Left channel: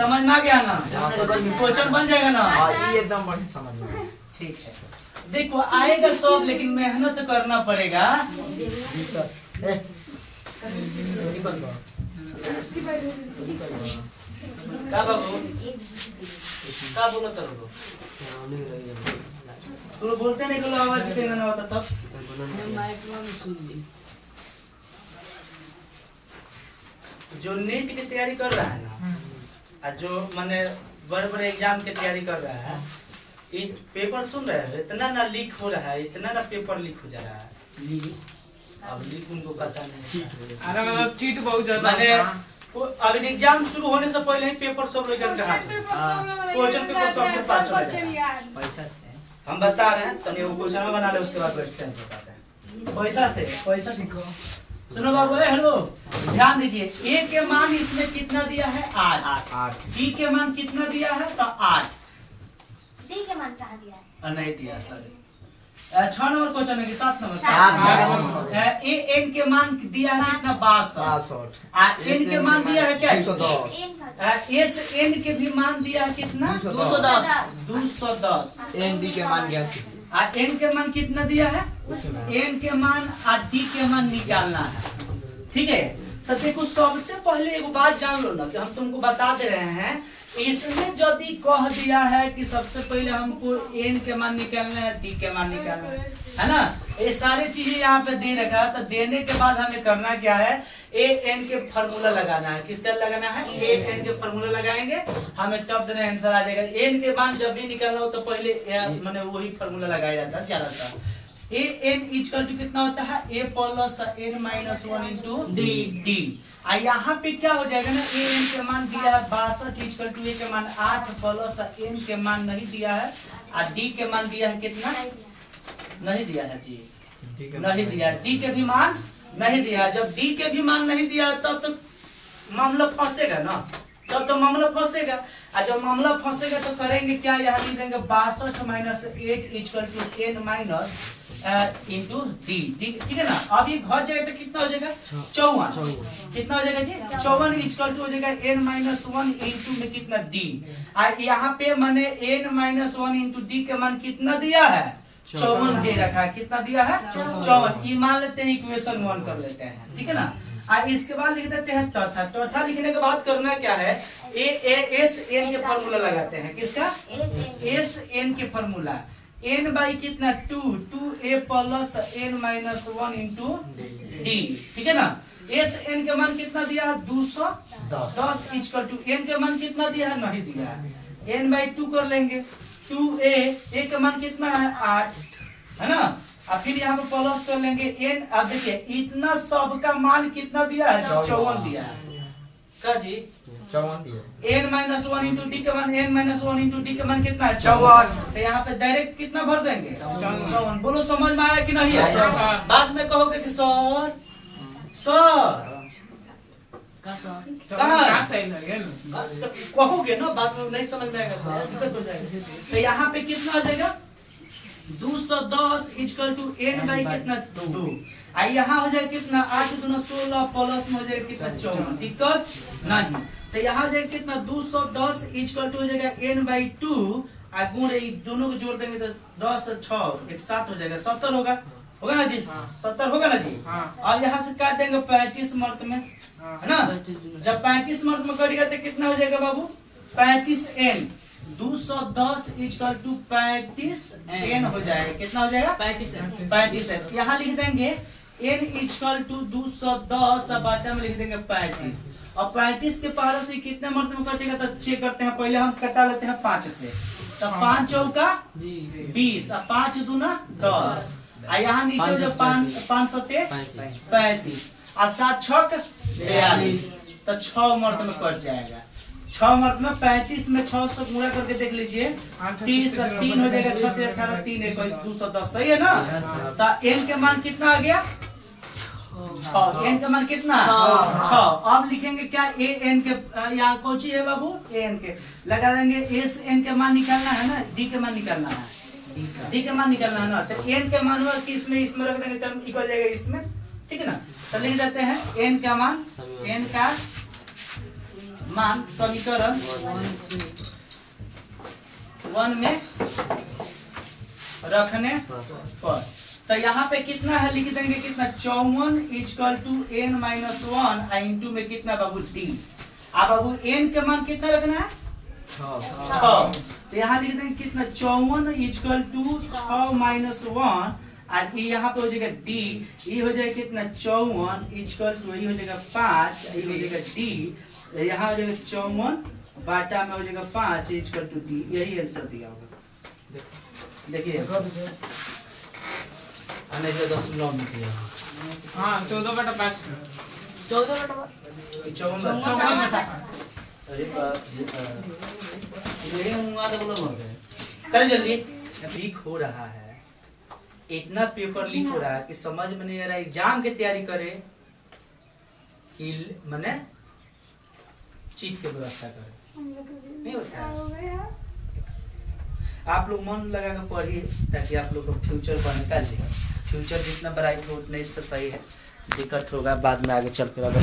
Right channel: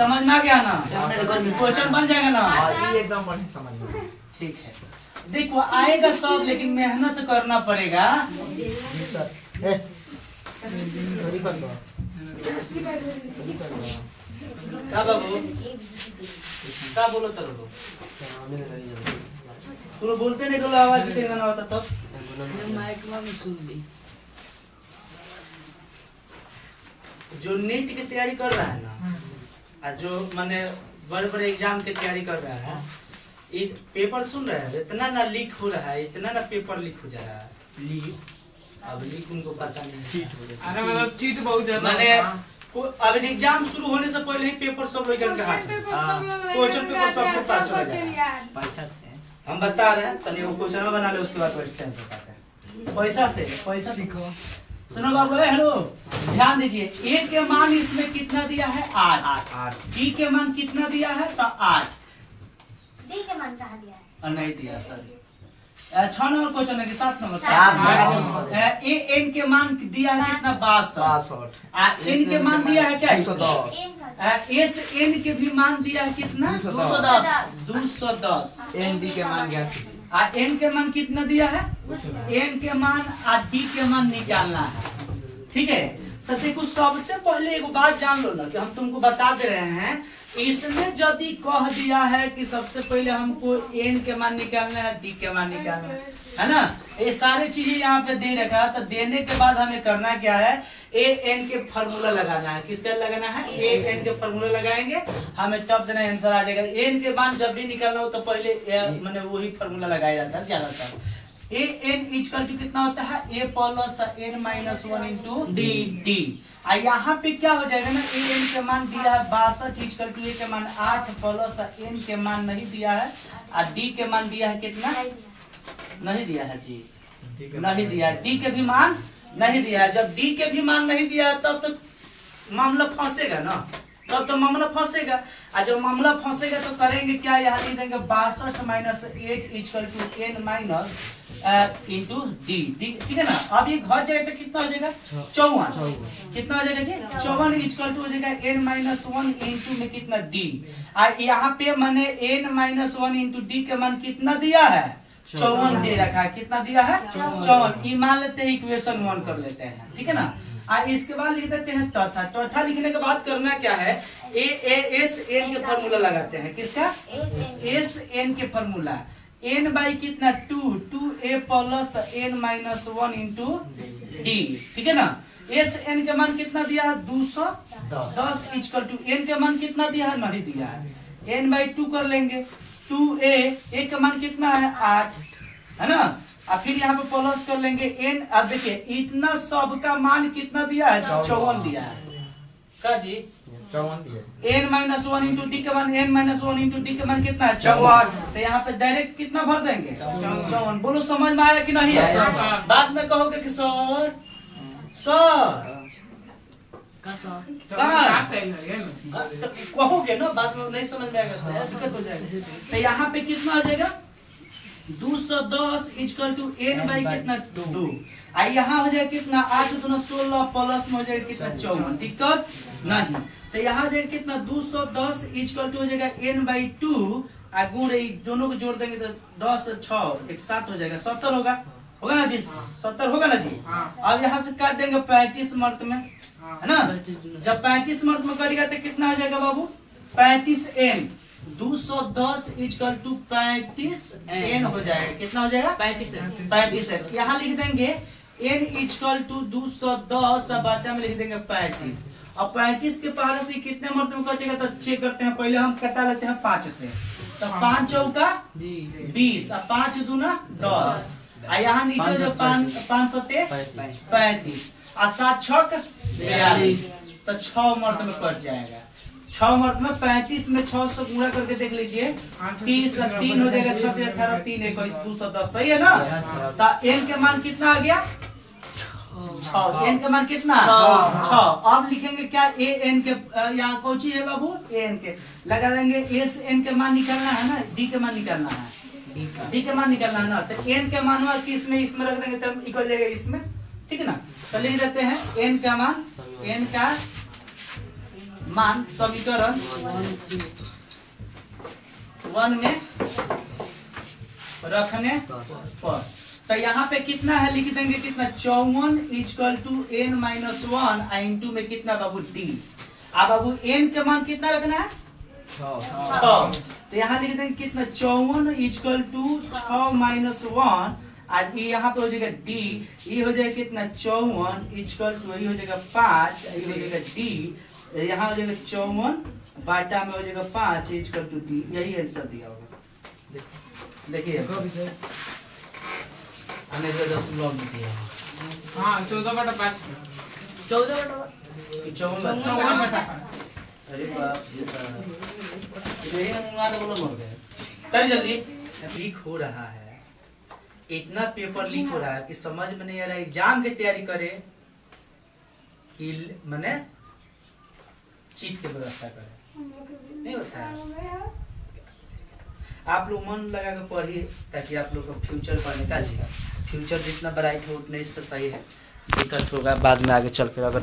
समझ में आ गया ना? क्वेश्चन बन जाएगा ना? एकदम बढ़िया समझ में। ठीक है, देखो आएगा सब, लेकिन मेहनत करना पड़ेगा। क्या बाबू क्या बोलो तो तुम बोलते नहीं, बोलो आवाज ना होता तब जो नीट की तैयारी कर रहा है ना, जो माने बड़े बड़े एग्जाम की तैयारी कर रहा है, एक पेपर सुन रहे हैं, इतना ना लीक हो रहा है, इतना ना पेपर लीक हो जा रहा है। लीक अब लीक उनको पता नहीं, चीट हो रहा है। अरे मतलब चीट बहुत ज्यादा मैंने अब एग्जाम शुरू होने से पहले ही पेपर सब लोग के हाथ में, क्वेश्चन पेपर सबके पास चला जाएगा। हम बता रहे हैं, तनी वो क्वेश्चन बना ले, उसके बाद क्वेश्चन बताते हैं। पैसा से पैसा सीखो। सुनो बाबू, हेलो ध्यान दीजिए। ए के मान इसमें कितना दिया है? 8। डी के मान कितना दिया है? तो 8। डी के मान कहाँ दिया है? नहीं दिया, सॉरी। 6 नंबर क्वेश्चन है कि 7 नंबर? 7। ए एन के मान दिया है कितना? 62। एन के मान दिया है क्या? 210। एस एन के भी मान दिया है कितना? 210। एन डी के मान गया। एन के मान कितना दिया है? एन के मान और डी के मान निकालना है। ठीक है, तो देखो सबसे पहले एक बात जान लो ना, कि हम तुमको बता दे रहे हैं, इसमें यदि कह दिया है कि सबसे पहले हमको एन के मान निकालना है, डी के मान निकालना है ना, ये सारी चीजें यहाँ पे दे रखा है। तो देने के बाद हमें करना क्या है? ए एन के फार्मूला लगाना है। किसका लगाना है? ए एन के फार्मूला लगाएंगे, हमें तब देना आंसर आ जाएगा। एन के मान जब भी निकालना हो तो पहले मैंने वही फार्मूला लगाया जाता है ज्यादातर। ए एन इक्वल टू कितना होता है? A plus N minus 1 into D. यहाँ पे क्या हो जाएगा ना, ए एन के मान दिया है 62 इक्वल टू ए के मान 8 प्लस एन के मान नहीं दिया है, और डी के मान दिया है कितना? नहीं दिया है जी, नहीं दिया है। डी के भी मान नहीं दिया है। जब डी के भी मान नहीं दिया है तब तो मामला फंसेगा ना, तब तो मामला फंसेगा। और जब मामला फंसेगा तो करेंगे क्या? यहाँ लिख देंगे 62 minus 8 equal to n minus into D. ठीक है ना? अब ये घट जाएगा तो कितना हो जाएगा? 54। कितना हो जाएगा जी? 54 इक्वल टू हो जाएगा एन माइनस 1 इंटू में कितना? डी। और यहाँ पे मैंने एन माइनस 1 इंटू डी का मान कितना दिया है? 54 दे रखा है। कितना दिया है? 54। ये मान लेते हैं, इक्वेशन 1 कर लेते हैं। ठीक है ना? इसके बाद लिख देते हैं तथा। तथा लिखने के बाद करना क्या है? एस एन के फॉर्मूला लगाते हैं। किसका? एस एन के फॉर्मूला। एन बाई कितना? 2 A plus N minus 1 into D. ठीक है ना? एस एन के मान कितना दिया है? 210 इक्वल टू एन के मान कितना दिया है? नहीं दिया है। एन बाई 2 कर लेंगे। 2a का मान कितना है? 8 है ना? और फिर यहाँ पे प्लस कर लेंगे एन। अब देखिए इतना सबका मान कितना दिया है? 54 दिया है। क्या जी? 54 दिया। एन माइनस 1 इंटू डी का मान, एन माइनस 1 इंटू डी का मान कितना है? 54। तो यहाँ पे डायरेक्ट कितना भर देंगे? 54। बोलो समझ में आया कि नहीं? बाद में कहोगे कि सर कहोगे ना, बाद में नहीं समझ में आएगा तो दिक्कत हो जाएगा। तो यहाँ पे कितना हो जाएगा? 210 इक्वल टू एन बाई कितना? 2। यहाँ हो जाएगा कितना? 8 दूना 16 प्लस में हो जाएगा कितना? 54। दिक्कत नहीं। तो यहाँ हो जाएगा कितना? 210 इक्वल टू हो जाएगा एन बाई 2, गुण दोनों को जोड़ देंगे तो 10 6 7 हो जाएगा। 70 होगा ना जी? 70 होगा ना जी? अब यहाँ से काट देंगे 35 मर्द में, है ना? जब 35 मर्द में कटेगा तो कितना हो जाएगा बाबू? 35 एन। 210 इक्वल टू 35 एन हो जाएगा। कितना हो जाएगा? 35 एन। यहाँ लिख देंगे एन इक्वल टू 210, बाटा में लिख देंगे 35। और 35 के पारा से कितने मर्द में कटेगा तो चेक करते हैं। पहले हम कटा लेते हैं 5 से। तो 5 चौका 20 और 5 दूना 10। यहाँ नीचे जो 5 सत्ते 35 और 7 छक 42, तो 6 मर्द में कट जाएगा। 6 मर्द में 35 में 6 से गुणा करके देख लीजिए, 30 3 हो जाएगा, 6 18 3 21 210। सही है ना? तो एन के मान कितना आ गया? 6। एन के मान कितना? 6। अब लिखेंगे क्या? ए एन के यहाँ कौन सी है बाबू? ए एन के लगा देंगे। एस एन के मान निकालना है ना, डी के मान निकालना है, डी के मान निकालना है ना। तो एन के मान इसमें रख देंगे तब निकल जाएगा इसमें। ठीक है ना? तो लिख देते हैं एन का मान, एन का मान समीकरण 1 में रखने पर। तो यहाँ पे कितना है लिख देंगे, कितना 54 इक्वल टू n-1 इंटू में कितना बाबू d। अब बाबू n के मान कितना रखना है 6। तो यहाँ लिख देंगे कितना 54 इक्वल टू 6 - 1 और यहाँ पे हो जाएगा d, ये हो जाएगा कितना 54 इक्वल टू ये हो जाएगा 5, ये हो जाएगा d, यहाँ हो जाएगा 54 बाटा में हो जाएगा 5 इक्वल टू d। यही आंसर दिया होगा। देखिए आने जो 10 में किया। हाँ 14/5 अरे बाप रे, तर जल्दी लीक हो रहा है, इतना पेपर लीक हो रहा है कि समझ में नहीं आ रहा है एग्जाम की तैयारी करे कि मैंने चीट की व्यवस्था करे, नहीं होता है। आप लोग मन लगा कर पढ़िए ताकि आप लोग का फ्यूचर पर निकाल जाएगा। फ्यूचर जितना ब्राइट हो उतना इससे सही है, दिक्कत होगा बाद में आगे चल कर अगर